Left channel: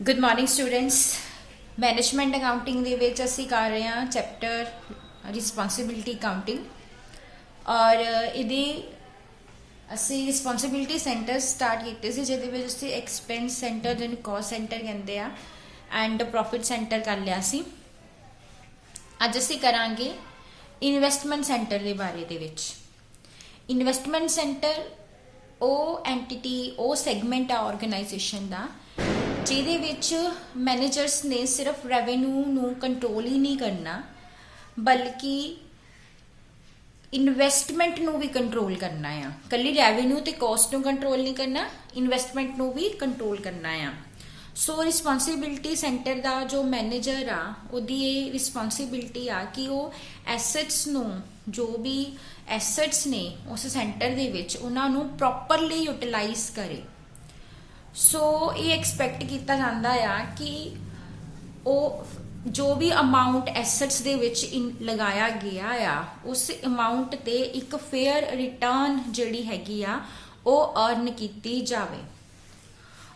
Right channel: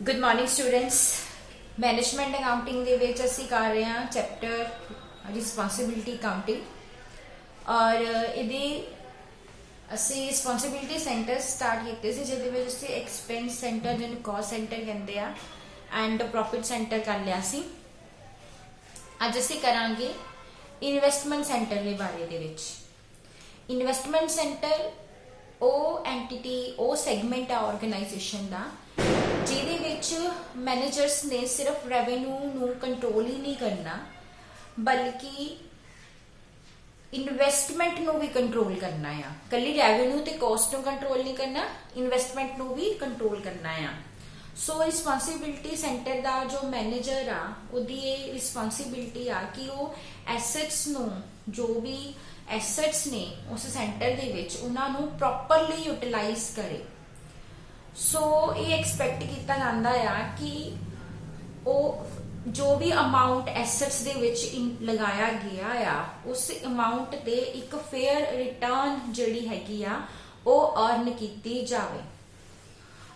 Good morning students. Management accounting ਦੇ ਵਿੱਚ ਅਸੀਂ ਕਰ ਰਹੇ ਹਾਂ ਚੈਪਟਰ ਰਿਸਪੌਂਸਿਬਿਲਟੀ ਅਕਾਊਂਟਿੰਗ ਔਰ ਇਹਦੀ ਅਸੀਂ ਰਿਸਪੌਂਸਿਬਿਲਟੀ ਸੈਂਟਰ ਸਟਾਰਟ ਕੀਤੇ ਸੀ ਜਿਹਦੇ ਵਿੱਚ ਅਸੀਂ ਐਕਸਪੈਂਸ ਸੈਂਟਰ ਜਿਹਨੂੰ ਕਾਸਟ ਸੈਂਟਰ ਕਹਿੰਦੇ ਆ ਐਂਡ ਪ੍ਰੋਫਿਟ ਸੈਂਟਰ ਕਰ ਲਿਆ ਸੀ। ਅੱਜ ਅਸੀਂ ਕਰਾਂਗੇ ਇਨਵੈਸਟਮੈਂਟ ਸੈਂਟਰ ਦੇ ਬਾਰੇ ਦੇ ਵਿੱਚ। ਇਨਵੈਸਟਮੈਂਟ ਸੈਂਟਰ ਉਹ ਐਂਟੀਟੀ ਉਹ ਸੈਗਮੈਂਟ ਆ ਆਰਗੇਨਾਈਜੇਸ਼ਨ ਦਾ ਜਿਹਦੇ ਵਿੱਚ ਮੈਨੇਜਰਸ ਨੇ ਸਿਰਫ ਰੈਵਨਿਊ ਨੂੰ ਕੰਟਰੋਲ ਹੀ ਨਹੀਂ ਕਰਨਾ ਬਲਕਿ ਇਨਵੈਸਟਮੈਂਟ ਨੂੰ ਵੀ ਕੰਟਰੋਲ ਕਰਨਾ ਆ। ਕੱਲੀ ਰੈਵਨਿਊ ਤੇ ਕਾਸਟ ਨੂੰ ਕੰਟਰੋਲ ਨਹੀਂ ਕਰਨਾ, ਇਨਵੈਸਟਮੈਂਟ ਨੂੰ ਵੀ ਕੰਟਰੋਲ ਕਰਨਾ ਆ। ਸੋ ਰਿਸਪੌਂਸਿਬਿਲਟੀ ਸੈਂਟਰ ਦਾ ਜੋ ਮੈਨੇਜਰ ਆ ਉਹਦੀ ਇਹ ਰਿਸਪੌਂਸਿਬਿਲਟੀ ਆ ਕਿ ਉਹ ਐਸੈਟਸ ਨੂੰ ਜੋ ਵੀ ਐਸੈਟਸ ਨੇ ਉਸ ਸੈਂਟਰ ਦੇ ਵਿੱਚ ਉਹਨਾਂ ਨੂੰ ਪ੍ਰੋਪਰਲੀ ਯੂਟਿਲਾਈਜ਼ ਕਰੇ। ਸੋ ਇਹ ਐਕਸਪੈਕਟ ਕੀਤਾ ਜਾਂਦਾ ਆ ਕਿ ਉਹ ਜੋ ਵੀ ਅਮਾਉਂਟ ਐਸੈਟਸ ਦੇ ਵਿੱਚ ਲਗਾਇਆ ਗਿਆ ਆ ਉਸ ਅਮਾਉਂਟ ਤੇ ਇੱਕ ਫੇਅਰ ਰਿਟਰਨ ਜਿਹੜੀ ਹੈਗੀ ਆ ਉਹ ਅਰਨ ਕੀਤੀ ਜਾਵੇ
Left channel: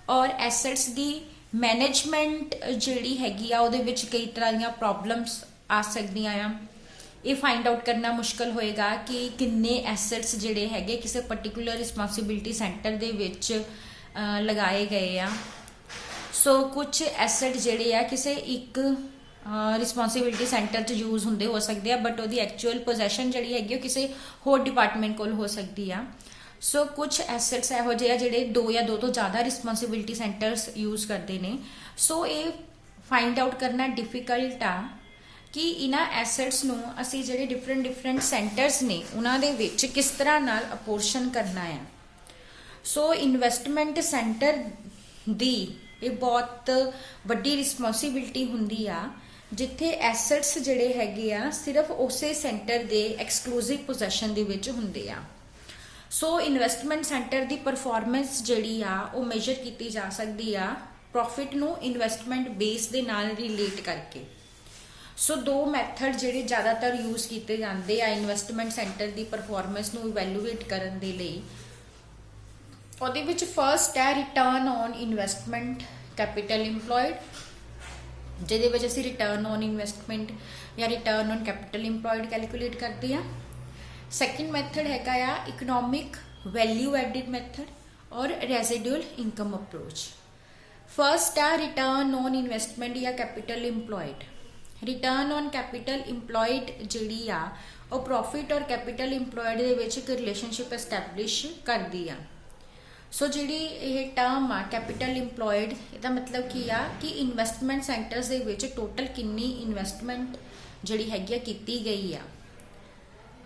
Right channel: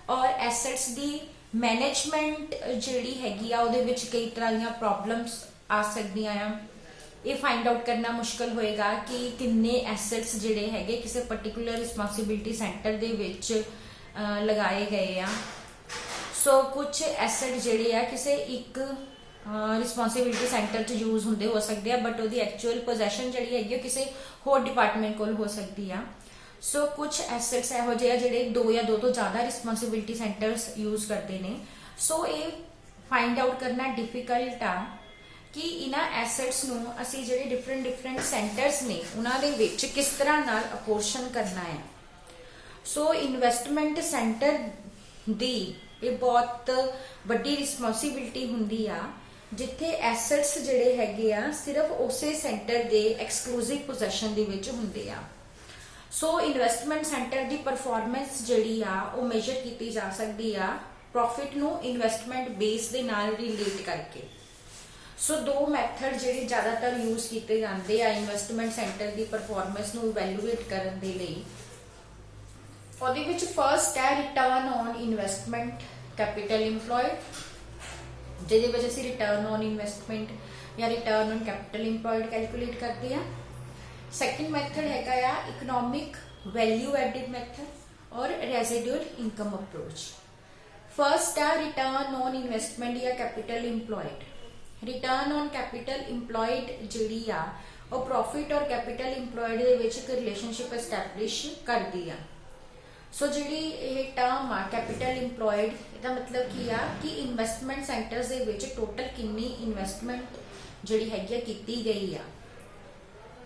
ਔਰ ਐਸੈਟਸ ਦੀ ਮੈਨੇਜਮੈਂਟ ਜਿਹੜੀ ਹੈਗੀ ਆ ਉਹਦੇ ਵਿੱਚ ਕਈ ਤਰ੍ਹਾਂ ਦੀਆਂ ਪ੍ਰੋਬਲਮਸ ਆ ਸਕਦੀਆਂ ਆ। ਇਹ ਫਾਈਂਡ ਆਊਟ ਕਰਨਾ ਮੁਸ਼ਕਲ ਹੋਏਗਾ ਕਿ ਕਿੰਨੇ ਐਸੈਟਸ ਜਿਹੜੇ ਹੈਗੇ ਕਿਸੇ ਪਾਰਟਿਕੂਲਰ ਰਿਸਪੌਂਸਿਬਿਲਟੀ ਸੈਂਟਰ ਦੇ ਵਿੱਚ ਲਗਾਏ ਗਏ ਆ। ਸੋ ਕੁਝ ਐਸੈਟ ਜਿਹੜੇ ਆ ਕਿਸੇ ਇੱਕ ਰਿਸਪੌਂਸਿਬਿਲਟੀ ਸੈਂਟਰ 'ਚ ਯੂਜ਼ ਹੁੰਦੇ ਹੋ ਸਕਦੇ ਆ ਬਟ ਉਹਦੀ ਐਕਚੁਅਲ ਪੋਜੈਸ਼ਨ ਜਿਹੜੀ ਹੈਗੀ ਉਹ ਕਿਸੇ ਹੋਰ ਡਿਪਾਰਟਮੈਂਟ ਕੋਲ ਹੋ ਸਕਦੀ ਆ। ਸੋ ਕੁਝ ਐਸੈਟਸ ਇਹੋ ਜਿਹੇ ਆ ਜਿਹੜੇ ਦੋ ਜਾਂ ਦੋ ਤੋਂ ਜ਼ਿਆਦਾ ਰਿਸਪੌਂਸਿਬਿਲਟੀ ਸੈਂਟਰਸ ਯੂਜ਼ ਕਰਦੇ ਨੇ। ਸੋ ਇਹ ਫਾਈਂਡ ਆਊਟ ਕਰਨਾ ਡਿਫਿਕਲਟ ਆ ਕਿ ਇਹਨਾਂ ਐਸੈਟਸ ਨੂੰ ਅਸੀਂ ਜਿਹੜੇ ਡਿਫਰੈਂਟ ਸੈਂਟਰਸ ਨੇ ਉਹਨਾਂ ਦੇ ਵਿੱਚ ਕਿਸ ਤਰ੍ਹਾਂ ਨਾਲ ਅਪੋਰਸ਼ਨ ਕਰਨਾ ਆ। ਸੋ ਇਨਵੈਸਟਮੈਂਟ ਸੈਂਟਰ ਦੀ ਇਹ ਬਹੁਤ ਵੱਡੀ ਰਿਸਪੌਂਸਿਬਿਲਟੀ ਹੁੰਦੀ ਆ ਜਿੱਥੇ ਐਸੈਟਸ ਜਿਹੜੇ ਹੈਗੇ ਆ ਸਿਰਫ ਉਸੇ ਸੈਂਟਰ ਦੇ ਐਕਸਕਲੂਸਿਵ ਪੋਜੈਸ਼ਨ ਦੇ ਵਿੱਚ ਹੁੰਦੇ ਆ। ਸੋ ਇਨਵੈਸਟਮੈਂਟ ਸੈਂਟਰ ਦੀ ਪਰਫਾਰਮੈਂਸ ਜਿਹੜੀ ਆ ਉਹ ਮੇਜਰ ਕੀਤੀ ਜਾ ਸਕਦੀ ਆ ਪ੍ਰੋਫਿਟ ਨੂੰ ਇਨਵੈਸਟਮੈਂਟ ਬੇਸ ਦੇ ਨਾਲ ਰਿਲੇਟ ਕਰਕੇ। ਸੋ ਦੋ ਮੈਥਡ ਜਿਹੜੇ ਜ਼ਿਆਦਾਤਰ ਯੂਜ਼ ਕੀਤੇ ਜਾਂਦੇ ਆ ਇਨਵੈਸਟਮੈਂਟ ਸੈਂਟਰ ਦੀ ਪਰਫਾਰਮੈਂਸ ਨੂੰ ਇਵੈਲੂਏਟ ਕਰਨ ਦੇ ਲਈ। ਉਹਦੇ ਵਿੱਚ ਫਰਸਟ ਹੈ return on investment capital employed ਜਿਹਦੇ ਵਿੱਚ ਅਸੀਂ ਰਿਟਰਨ ਔਨ ਇਨਵੈਸਟਮੈਂਟ ਜਾਂ return on capital employed calculate ਕਰਦੇ ਆ। ਸੈਕਿੰਡ ਮੈਥਡ ਹੈਗਾ ਆ ਇਕਨੋਮਿਕ ਵੈਲਿਊ ਐਡਿਡ ਮੈਥਡ ਔਰ ਰੈਜ਼ੀਡੂਅਲ ਇਨਕਮ ਅਪਰੋਚ। ਫਰਸਟ ਆ ਰਿਟਰਨ ਔਨ ਇਨਵੈਸਟਮੈਂਟ ਜਾਂ capital employed. Return on capital employed ਜਿਹੜੀ ਆ ਉਹ ਪ੍ਰੋਫਿਟ ਔਰ ਕੈਪੀਟਲ ਇੰਪਲੋਇਡ ਦੇ ਵਿੱਚ ਇੱਕ ਰਿਲੇਸ਼ਨਸ਼ਿਪ ਐਸਟੈਬਲਿਸ਼ ਕਰਦੀ ਆ। ਸੋ ਜਿਹੜੀ ਇਹ ਟਰਮ ਆ ਕੈਪੀਟਲ ਇੰਪਲੋਇਡ ਇਹਦਾ ਮਤਲਬ ਕੀ ਆ ਕਿ ਇਨਵੈਸਟਮੈਂਟ ਸੈਂਟਰਸ ਦੇ ਵਿੱਚ ਟੋਟਲ ਕਿੰਨੀ ਇਨਵੈਸਟਮੈਂਟ ਜਿਹੜੀ ਹੈਗੀ ਆ ਕੀਤੀ ਗਈ ਆ।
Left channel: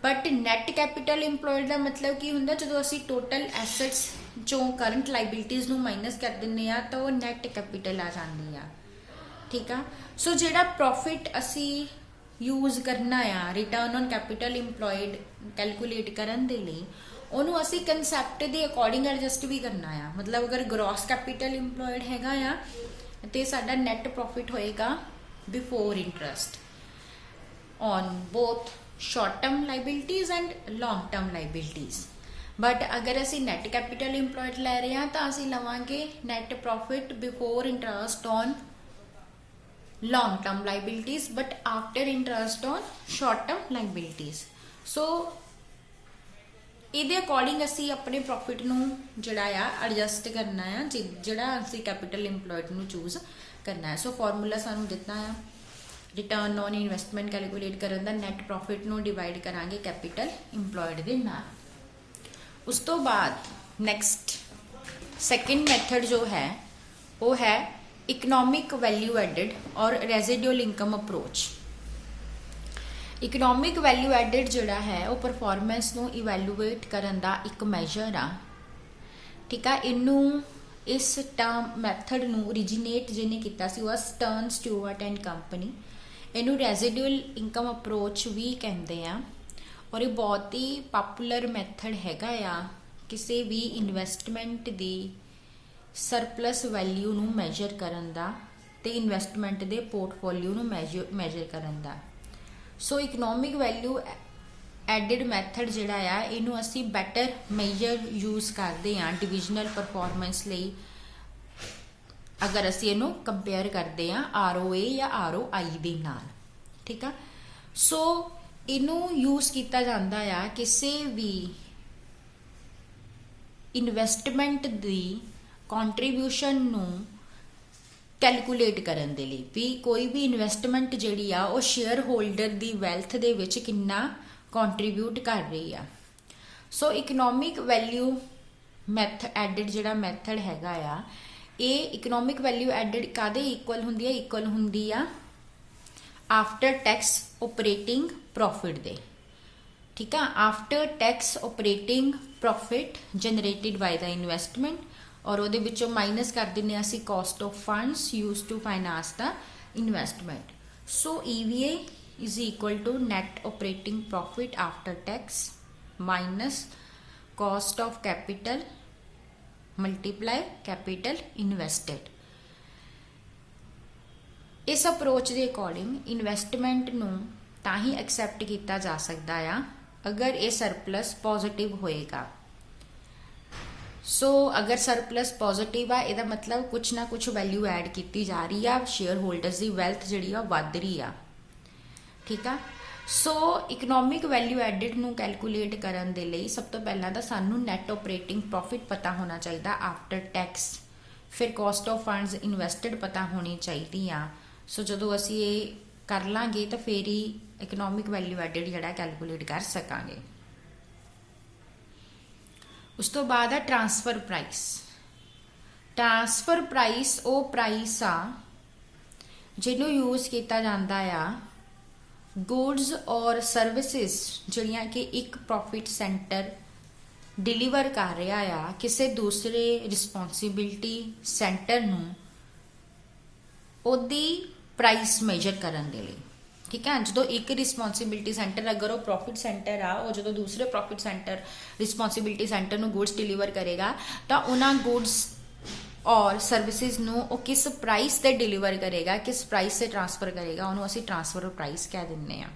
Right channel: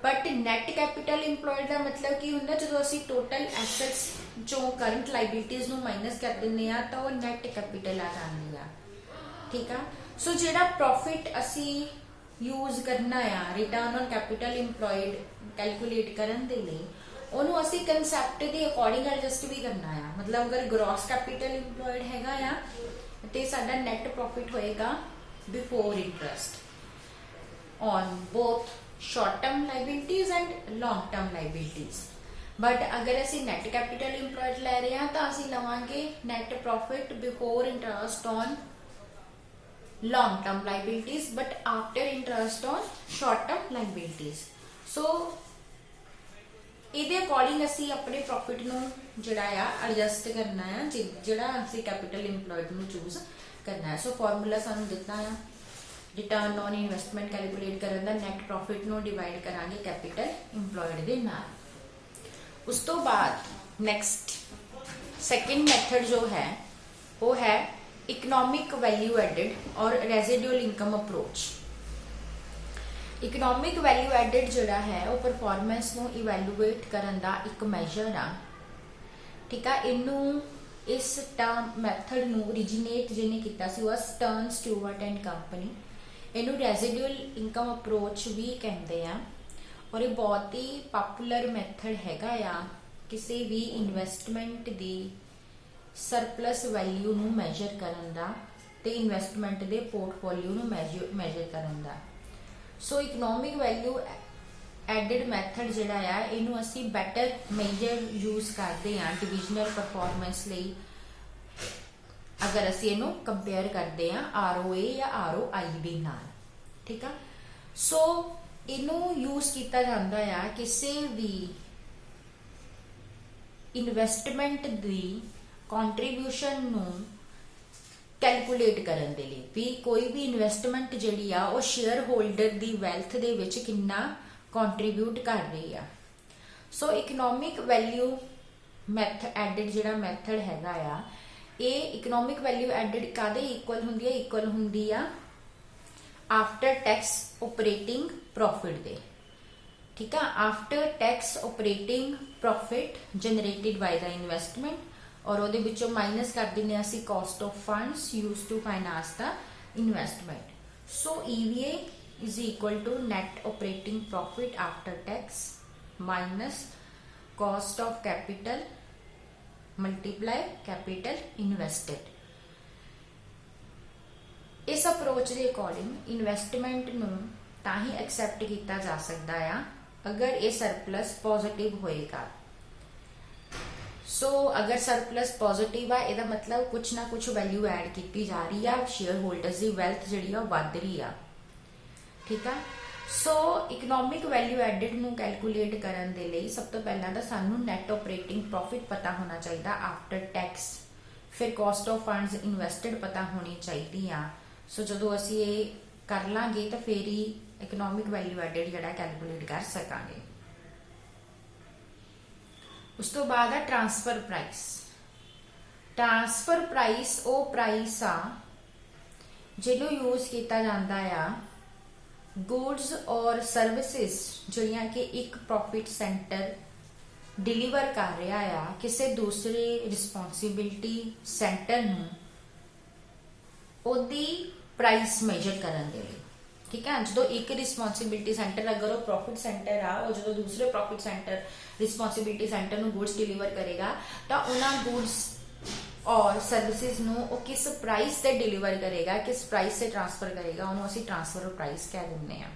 ਬਟ ਨੈਟ ਕੈਪੀਟਲ ਇੰਪਲੋਇਡ ਦਾ ਮਤਲਬ ਕੀ ਹੁੰਦਾ ਜਦੋਂ ਅਸੀਂ ਟੋਟਲ ਐਸੈਟਸ ਚੋਂ ਕਰੰਟ ਲਾਇਬਿਲਿਟੀਜ਼ ਨੂੰ ਮਾਈਨਸ ਕਰ ਦਿੰਦੇ ਆ ਤਾਂ ਉਹ ਨੈਟ ਕੈਪੀਟਲ ਆ ਜਾਂਦੀ ਆ। ਠੀਕ ਆ। ਸੋ ਜਿਹੜਾ ਪ੍ਰੋਫਿਟ ਅਸੀਂ ਯੂਜ਼ ਕਰਨਾ ਆ return on capital employed calculate ਕਰਨ ਦੇ ਲਈ ਉਹਨੂੰ ਅਸੀਂ ਕਨਸੈਪਟ ਦੇ ਅਕੋਰਡਿੰਗ ਐਡਜਸਟ ਵੀ ਕਰਨਾ ਆ। ਮਤਲਬ ਅਗਰ ਗ੍ਰੋਸ ਕੈਪੀਟਲ ਇੰਪਲੋਇਡ ਹੈਗਾ ਆ ਤੇ ਸਾਡਾ ਨੈਟ ਪ੍ਰੋਫਿਟ ਹੋਏਗਾ before interest on both short term liabilities and long term liabilities. But ਅਗਰ ਅਸੀਂ ਨੈਟ ਕੈਪੀਟਲ ਇੰਪਲੋਇਡ ਲੈ ਰਹੇ ਹਾਂ ਤਾਂ ਅਸੀਂ ਲਵਾਂਗੇ net profit before interest on long term liabilities but after interest on short term liabilities। so ਇਹਦੇ according ਅਸੀਂ ਆਪਣੇ ਪ੍ਰੋਫਿਟ ਨੂੰ ਜਿਹੜਾ ਆ ਐਡਜਸਟ ਕਰਨਾ ਆ ਜਿਹੜਾ ਅਸੀਂ ਕੈਪੀਟਲ ਇੰਪਲੋਇਡ ਨੂੰ ਚੂਜ਼ ਕਰਨਾ ਹੈ। ਸੋ ਫਾਰਮੂਲਾ ਸਾਨੂੰ ਦਿੱਤਾ ਆ ਰਿਟਰਨ ਔਨ ਇਨਵੈਸਟਮੈਂਟ ਕੈਲਕੂਲੇਟ ਕਰਨ ਦਾ ਨੈਟ ਪ੍ਰੋਫਿਟ ਨੂੰ ਡਿਵਾਈਡ ਕਰਾਂਗੇ ਕੈਪੀਟਲ ਇੰਪਲੋਇਡ ਦੇ ਨਾਲ। ਉਸ ਤੋਂ ਬਾਅਦ ਨੈਕਸਟ ਸੈਕਿੰਡ ਮੈਥਡ ਜੋ ਹੈ ਉਹ ਹੈ ਇਕਨੋਮਿਕ ਵੈਲਿਊ ਐਡਿਡ ਔਰ residual income approach. Economic value added ਜਿਹੜਾ ਹੈ ਉਹ ਪਰਫਾਰਮੈਂਸ ਨੂੰ ਇਵੈਲੂਏਟ ਕਰਨ ਦਾ ਇੱਕ ਮੈਜਰ ਆ। ਠੀਕ ਆ। ਇਹਨੂੰ ਇਸ ਟਰਮ ਮੈਥਡ ਨੂੰ ਓਰੀਜੀਨੇਟ ਜਿਹਨੇ ਕੀਤਾ ਸੀ ਉਹ ਸਟਰਨ ਸਟੂਅਰਟ ਐਂਡ ਕੰਪਨੀ। ਇਹਨੂੰ ਰੈਜ਼ੀਡੂਅਲ ਇਨਕਮ ਅਪਰੋਚ ਵੀ ਕਹਿੰਦੇ ਆ ਔਰ ਇਹ ਬਹੁਤ ਹੀ ਪਪੂਲਰ ਮੈਥਡ ਹੈਗਾ ਆ ਕਿਸੇ ਵੀ ਇਨਵੈਸਟਮੈਂਟ ਦੀ ਸਰਪਲਸ ਵੈਲਿਊ ਨੂੰ ਮੈਜਰ ਕਰਨ ਦਾ ਤੇ ਇਨਵੈਸਟਮੈਂਟ ਦੇ ਪੋਰਟਫੋਲੀਓ ਨੂੰ ਮੈਜਰ ਕਰਨ ਦਾ। ਸੋ ਇਕਨੋਮਿਕ ਵੈਲਿਊ ਐਡਿਡ ਮੈਥਡ ਜਿਹੜਾ ਆ ਇਹਨੂੰ ਅਸੀਂ ਬੈਟਰ ਮੇਜਰ ਯੂਜ਼ ਕਰਦੇ ਆ ਡਿਵੀਜ਼ਨਲ ਪਰਫਾਰਮੈਂਸ ਲਈ अगर असी इनू कंपेयर करते हैं ROA या ROI दे नाल, ठीक है। सो इनू यूज किया जाता है किसी भी इन्वेस्टमेंट दी कॉन्ट्रीब्यूशन नू कैलकुलेट करन दे लई भी कोई भी इन्वेस्टमेंट जिहड़ी आ वो शेयर होल्डर दी वैल्थ दे विच किन्ना कॉन्ट्रीब्यूट कर रही है। सो इकनॉमिक वैल्यू एडिड जिहड़ा मैथड हैगा आ, ये इकनॉमिक वैल्यू एडिड कादे इक्वल हुंदी है? इक्वल हुंदी आ आफ्टर टैक्स ऑपरेटिंग प्रॉफिट दे, ठीक है। After tax operating profit generated by the investment और वो विचों माइनस कर देने असी cost of funds use to finance the investment. So EVA is equal to net operating profit after tax minus cost of capital multiply capital invested. इस approach के according investment नूं तां ही एक्सैप्ट किया जा सकता है अगर ये सरप्लस पॉजिटिव होएगा। सो अगर सरप्लस पॉजिटिव है इसका मतलब कुछ ना कुछ वैल्यू ऐड की जा रही है, शेयर होल्डर्स की वैल्थ जिहड़ी आ वध रही है, ठीक है। सो इकनॉमिक वैल्यू एडिड नूं कैलकुलेट करन दे लई सब तो पहला तो सानू नैट ऑपरेटिंग प्रॉफिट पता होना चाहिए आफ्टर टैक्स, फिर कॉस्ट ऑफ फंड्स इन्वेस्टेड पता होनी चाहिए आ। सो जदों असीं ये कर लांगे तो फिर ही इकनॉमिक वैल्यू एडिड जिहड़ा कैलकुलेट कर सकांगे। उस तो बाद है ट्रांसफर प्राइस। ट्रांसफर प्राइस वो प्राइस आ जिन्हों यूज किया जाता है गुड्स और सर्विसेज जिहड़ियां कि एक प्रॉफिट सेंटर डिलीवर कर रहा है किसी दूसरे रिस्पॉन्सिबिलिटी सेंटर नूं ओदी प्राइस मेजर करन दे लई, ठीक है। जो एक रिस्पॉन्सिबिलिटी सेंटर अगर वो प्रॉफिट सेंटर आ और जो दूसरे प्रॉफिट सेंटर रिस्पॉन्सिबिलिटी सेंटर नूं गुड्स डिलीवर करेगा तो उन्होंने गुड्स और सर्विसेज नूं वो किस प्राइस से डिलीवर करेगा, किस प्राइस से ट्रांसफर करेगा, उन्होंने असीं ट्रांसफर प्राइस कह दिंदे आ।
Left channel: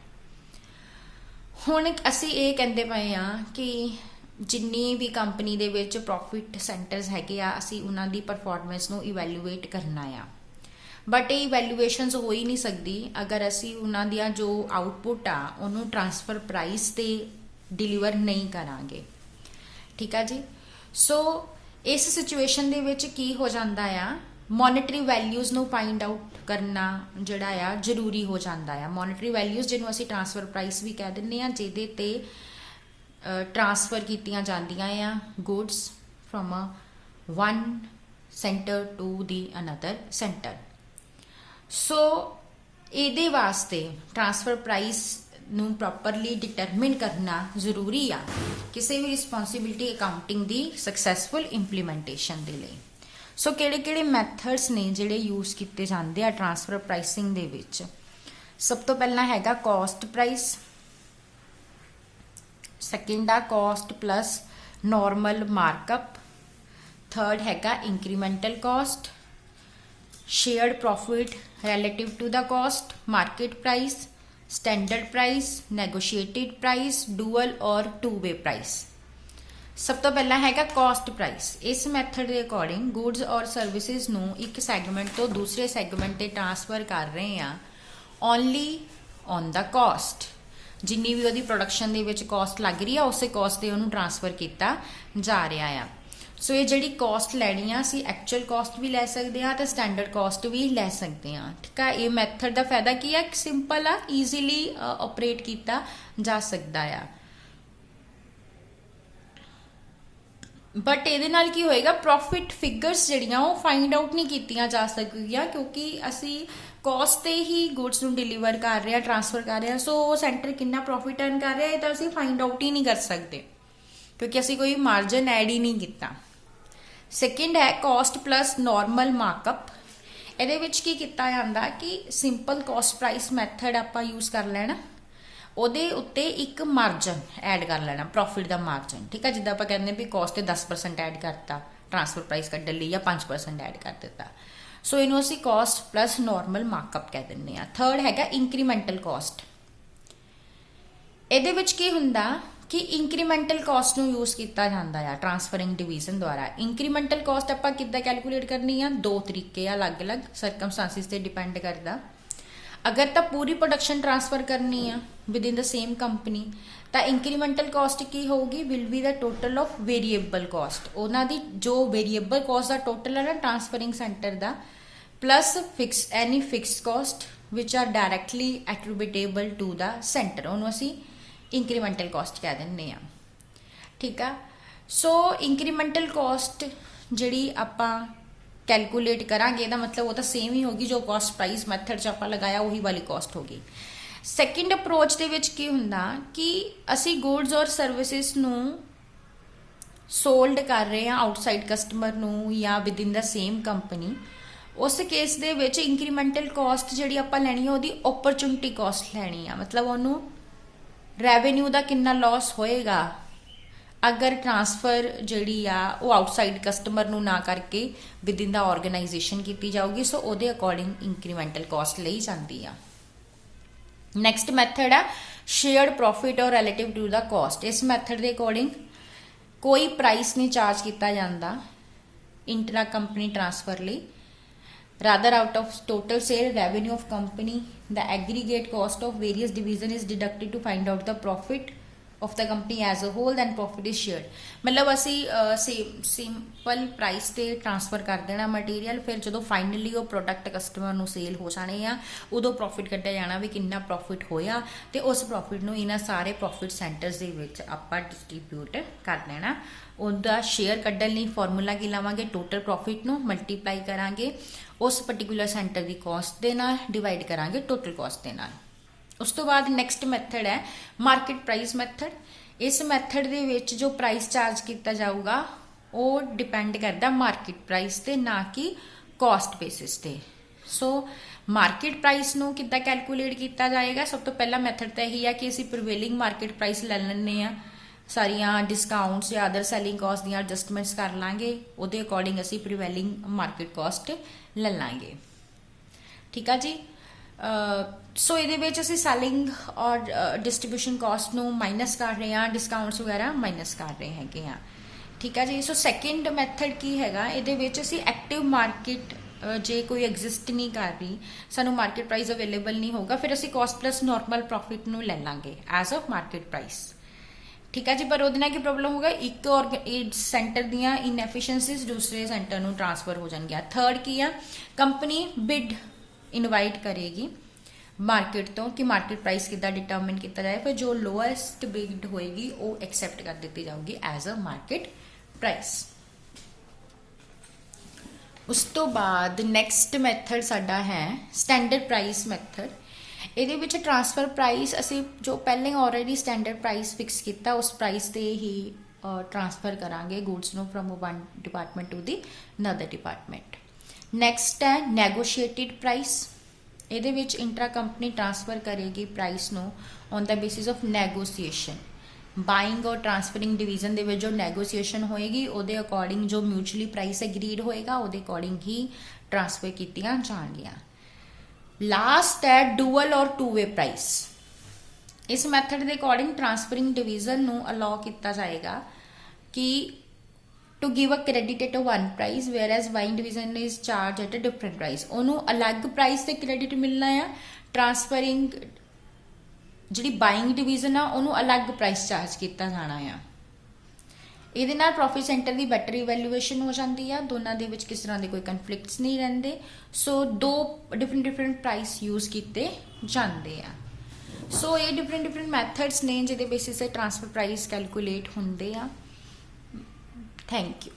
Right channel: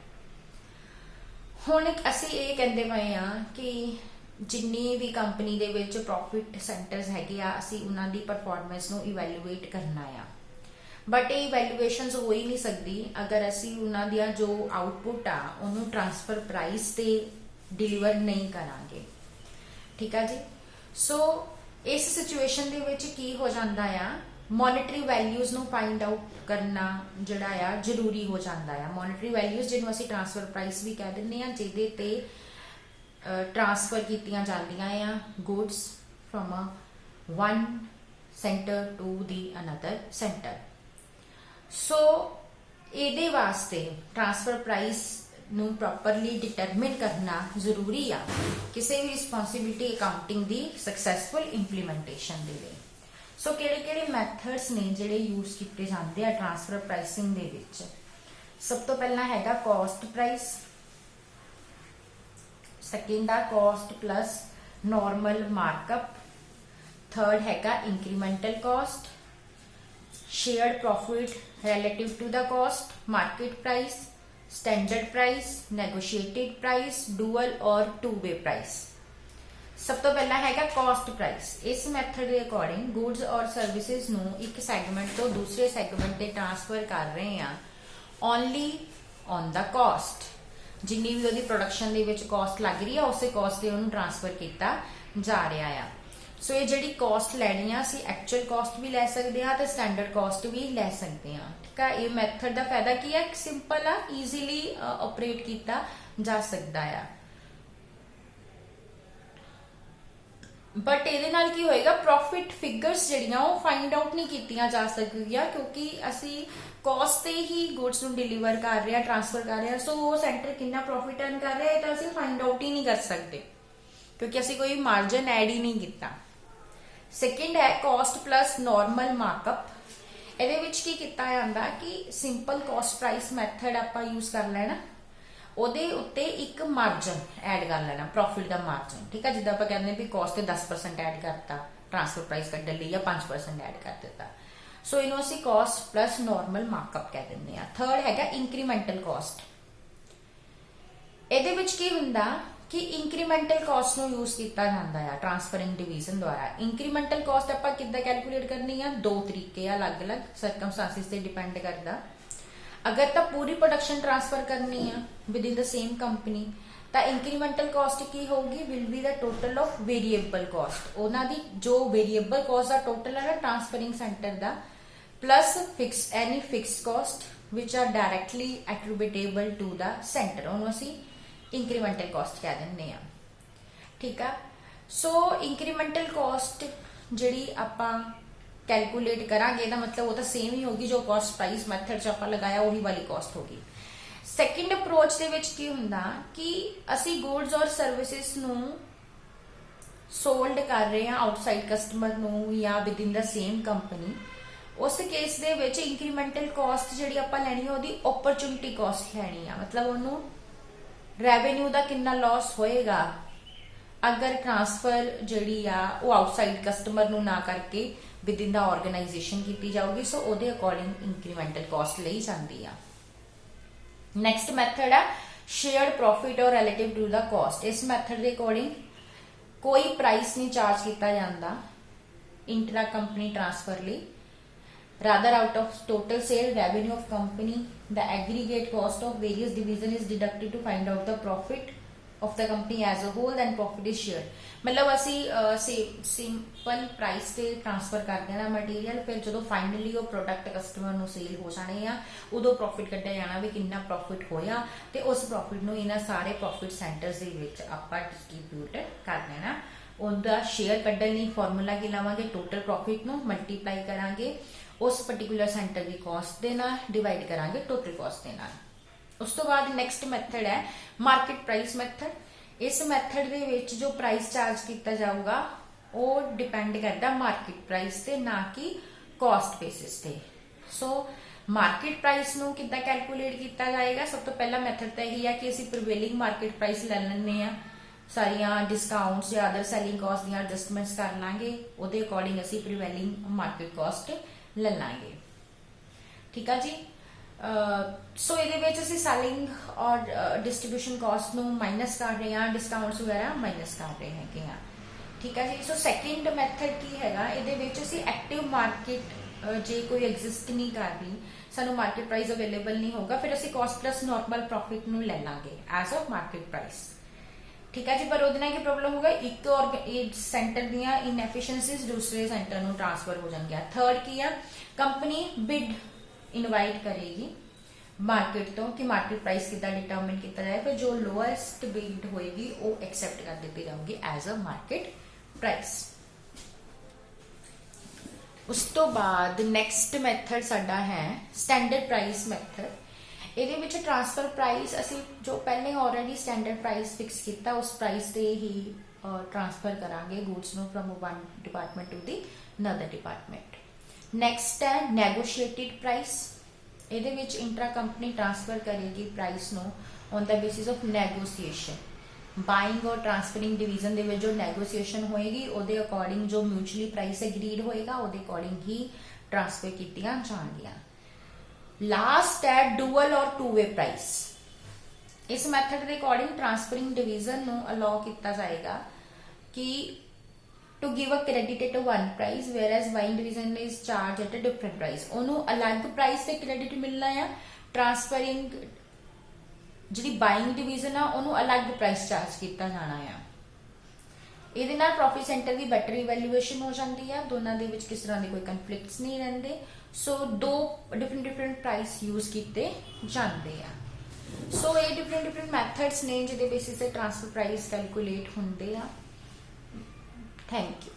हुण असीं ये कहंदे पए आ कि जिन्नी भी कंपनी दे विच प्रॉफिट सेंटर्स हैगे आ असीं उन्हां दी परफॉर्मेंस नूं इवैल्यूएट करना आ, बट ये इवैल्यूएशनस हो ही नहीं सकती अगर असी उन्होंने जो आउटपुट आ उन्होंने ट्रांसफर प्राइस से डिलीवर नहीं करांगे, ठीक है जी। सो इस सिचुएशन दे विच की हो जाता है मॉनेटरी वैल्यूज नूं फाइंड आउट करना जिहड़ा आ जरूरी हो जाता है। मॉनेटरी वैल्यूज जिन्हों असी ट्रांसफर प्राइस भी कह दिंदे आ जिहदे ते ट्रांसफर कीतियां जांदियां आ goods from one centre to the another centre. So ਇਹਦੇ वास्ते ट्रांसफर प्राइस नूं प्रॉपरली डिटरमिन करना जरूरी आ किसी भी रिस्पॉन्सिबिलिटी अकाउंटिंग दी सक्सैसफुल इंप्लीमेंटेशन दे लई। सो किहड़े-किहड़े मैथड्स ने जिहड़े यूज किए जाते हैं ट्रांसफर प्राइसिंग दे विच? सब तो पहला हैगा कॉस्ट प्राइस, सैकेंड आ cost plus normal markup, third हैगा incremental cost, shared profit relative to the cost, market price, standard price, negotiated price, dual और two way price। सब तो पहला हैगा कॉस्ट प्राइस। इस मैथड के अकॉर्डिंग गुड्स और सर्विसेज नूं एक सैगमेंट तो दूसरे सैगमेंट ते ट्रांसफर कर रहे हैं ओनली ऑन द कॉस्ट, जिन्नी भी उहदी प्रोडक्शन दे विच कॉस्ट लग रही है उस कॉस्ट ते उहनूं ट्रांसफर किया जा रहा है। सो ये जिहड़ी कॉस्ट लैनी आ असीं एक्चुअल कॉस्ट भी लै सकते हैं तो स्टैंडर्ड कॉस्ट भी लै सकते हैं, ठीक है। ये मैथड का फायदा की है सिंपल आ ईजीली ऑपरेट किया जा सकता है। बट ये की होएगा प्रॉफिट फिगर्स जिहड़ियां वो फाइंड आउट नहीं कीतियां जा सकदियां क्योंकि असी कॉस्ट ते ही गुड्स नूं डिलीवर कर रहे हैं ट्रांसफर कर रहे हैं। सो वो सेंटर कितना प्रॉफिट अर्न कर रहा है तो असी फाइंड आउट ही नहीं कर सकते क्योंकि असी कोई मार्जिन ऐड ही नहीं किया। सैकेंड है कॉस्ट प्लस नॉर्मल मार्कअप। ਇਹਦੇ ਵਿੱਚ ਕੀ ਕੀਤਾ ਜਾਂਦਾ कि सिंपल कॉस्ट प्राइस मैथड आप यूज कर लेना ਉਹਦੇ ਉੱਤੇ ਇੱਕ ਮਾਰਜਨ ਐਡ ਕਰ ਲੈਣਾ प्रॉफिट का मार्जन, ठीक है। जिद्दां ਆਪਾਂ ਕਹਿੰਦੇ भी कॉस्ट ਤੇ 10% ਐਡ ਕਰਤਾ ट्रांसफर प्राइस ਕੱਢਣ ਲਈ ਜਾਂ 5% ਐਡ ਕਰ ਦਿੱਤਾ। सो ਇਹਨੂੰ ਅਸੀਂ कॉस्ट प्लस नॉर्मल मार्कअप ਕਹਿ ਦਿੰਦੇ ਆ। थर्ड हैगा इंक्रीमेंटल कॉस्ट। ਇਹਦੇ ਵਿੱਚ ਕੀ ਹੁੰਦਾ कि इंक्रीमेंटल कॉस्ट ਨੂੰ यूज ਕੀਤਾ ਜਾਂਦਾ ਆ ट्रांसफरिंग डिवीजन द्वारा। इंक्रीमेंटल कॉस्ट ਆਪਾਂ ਕਿੱਦਾਂ कैलकुलेट करनी ਆ, दो तरीके आ, अलग-अलग ਸਰਕਮਸਟੈਂਸਿਸ ਤੇ डिपेंड करदा। अगर तो पूरी प्रोडक्शन ट्रांसफर करनी है within the same company तो इंक्रीमेंटल कॉस्ट की होगी, will be the total of variable cost. उन्होंने जो वेरीएबल कॉस्ट का टोटल है ना ट्रांसफरिंग सेंटर का, plus fix any fix cost which are directly attributable to the centre, उन्होंने असी इंक्रीमेंटल कॉस्ट कह दें। ठीक है, सो इंक्रीमेंटल कॉस्ट जी आप कैलकुलेट करांगे ना, मतलब वो तो सेम ही होगी जो कॉस्ट प्राइस मैथड च आप लगाया वही वाली कॉस्ट होगी। सैकेंड अप्रोच दे विच की हुंदा कि असी गुड्स और सर्विसेज नू सोल्ड कर रहे हैं आउटसाइड कस्टमर नू या with in the same company, उस केस दे विच इंक्रीमेंटल कॉस्ट जिहड़ी आपां लैनी है ओहदी अपॉर्चुनिटी कॉस्ट लैनी है, मतलब ओनू रेवेन्यू दा कितना लॉस होएगा अगर ट्रांसफर जिहड़ी आ वो आउटसाइड कस्टमर नू ना करके विद इन द ऑर्गेनाइजेशन की जाऊगी। सो ਉਹਦੇ अकॉर्डिंग इंक्रीमेंटल कॉस्ट ਲਈ ਜਾਂਦੀ ਆ। नैक्सट मैथड है शेयर्ड प्रॉफिट और रिलेटिव टू द कॉस्ट। इस मैथड के अकॉर्डिंग कोई प्राइस नहीं चार्ज किया जाता इंट्रा कंपनी ट्रांसफर ਲਈ, rather out of total sale revenue of company the aggregate cost of various division is deducted to find out the profit of the company as a whole and profit is shared। मतलब असी simple price ते transfer कर देना material, फिर जो finally वो product customer नू cell हो जाने आ उदों प्रॉफिट कढ़िया जाना भी कितना प्रॉफिट होया, ते उस प्रॉफिट नू इन्हां सारे प्रॉफिट सेंटर्स दे विच आपां डिस्ट्रीब्यूट कर देना। उनका शेयर कढ़न लई फॉर्मूला की लावांगे, टोटल प्रॉफिट नू मल्टीप्लाई करांगे उस पर्टिकुलर सेंटर की कॉस्ट दे नाल, डिवाइड करांगे टोटल कॉस्ट दे नाल। उस तो बाद नैक्सट मैथड है मार्केट प्राइस मैथड। इस मैथड दे विच जो प्राइस चार्ज किया जाऊगा वो डिपेंड करता मार्केट प्राइस ते, ना कि कॉस्ट बेसिस ते। सो मार्केट प्राइस नू किद्दां कैलकुलेट किया जाएगा, सब तो पहला मैथड तो यही है कि असीं प्रिवेलिंग मार्केट प्राइस ले लैंदे आ, सारियां डिस्काउंट्स या अदर सैलिंग कॉस्ट दी एडजस्टमेंट्स कर लांगे, उहदे अकॉर्डिंग असीं प्रिवेलिंग मार्केट कॉस्ट ले लांगे। ठीक है जी। सो ये सैलिंग और डिस्ट्रीब्यूशन कॉस्ट नू माइनस कर रहे हैं, डिस्काउंट्स वगैरह माइनस कर रहे हैं। ठीक है जी। सो सैकेंड मैथड की हैगा, ये एक्टिव मार्केट जे कोई एग्जिस्ट नहीं कर रही, सानू मार्केट प्राइस अवेलेबल नहीं होगा, फिर असी कॉस्ट प्लस नॉर्मल प्रॉफिट नू ले लांगे एज अ मार्केट प्राइस। ठीक है जी। पर उहदे नाल की प्रॉब्लम होगा, एक और सेंटर दियां इनएफिशिएंसीज दूसरे सेंटर नू ट्रांसफर हो जाएंगे। थर्ड की है कंपनी बिड इनवाइट करेगी मार्केट तो कि मार्केट प्राइस कितना डिटरमिन किया जाए, फिर जो लोएस्ट बिड होएगी वो एक्सेप्ट कर दी जाऊगी एज अ मार्केट प्राइस। उस तो बाद नैक्सट मैथड साडा है स्टैंडर्ड प्राइस मैथड। ये विच ट्रांसफर प्राइस असी जो पहले ऑलरेडी स्टैंडर्ड प्राइस फिक्स किया उस प्राइस से ही ट्रांसफर करांगे गुड्स नो from one department to the another department. Next है नैगोशिएटेड प्राइस। ये विच इंट्रा कंपनी ट्रांसफर करेगी प्राइस नो on the basis of negotiation. Buying और ट्रांसफरिंग डिवीजन दे विच जो नैगोशिएशन होएगी उहदे अकॉर्डिंग जो म्यूचुअली प्राइस एग्रीड होएगा उहदे अकॉर्डिंग ही ट्रांसफर कीतियां जाणगियां। लास्ट है डुअल और टू वे प्राइस। इस मैथड के अकॉर्डिंग ट्रांसफरिंग डिवीजन नो अलाउ किया जाएगा कि to give a credit at a one price whereas buying division is charged at a different price। ਉਹਨੂੰ अलग प्राइस ਤੇ क्रेडिट मिलना है, ट्रांसफरिंग ਜਿਹੜੀ ਬਾਇੰਗ ਡਿਵੀਜ਼ਨ ਆ ਉਹਨੂੰ ਅਲੱਗ ਪ੍ਰਾਈਸ ਚਾਰਜ ਕੀਤਾ ਜਾਣਾ ਆ। ਇਹਦੇ ਨਾਲ ਪ੍ਰੋਫਿਟ ਸੈਂਟਰ ਦੀ ਬੈਟਰ ਇਵੈਲੂਏਸ਼ਨ ਹੋ ਜਾਂਦੀ ਆ, ਦੋਨਾਂ ਦੇ ਵਿੱਚ ਕਿਸ ਤਰ੍ਹਾਂ ਦੇ ਕੋਈ ਕਨਫਲਿਕਟਸ ਨਹੀਂ ਰਹਿੰਦੇ। ਸੋ ਦੋ ਡਿਫਰੈਂਟ ਪ੍ਰਾਈਸ ਯੂਜ਼ ਕੀਤੇ ਜਾਂਦੇ ਆ। ਸੋ ਇਹ ਡਿਫਰੈਂਟ ਮੈਥਡਸ ਨੇ ਜਿਹਦੇ ਬੇਸਿਸ ਤੇ ਟ੍ਰਾਂਸਫਰ ਪ੍ਰਾਈਸ ਕੈਲਕੂਲੇਟ ਹੁੰਦੇ ਆ। Thank you.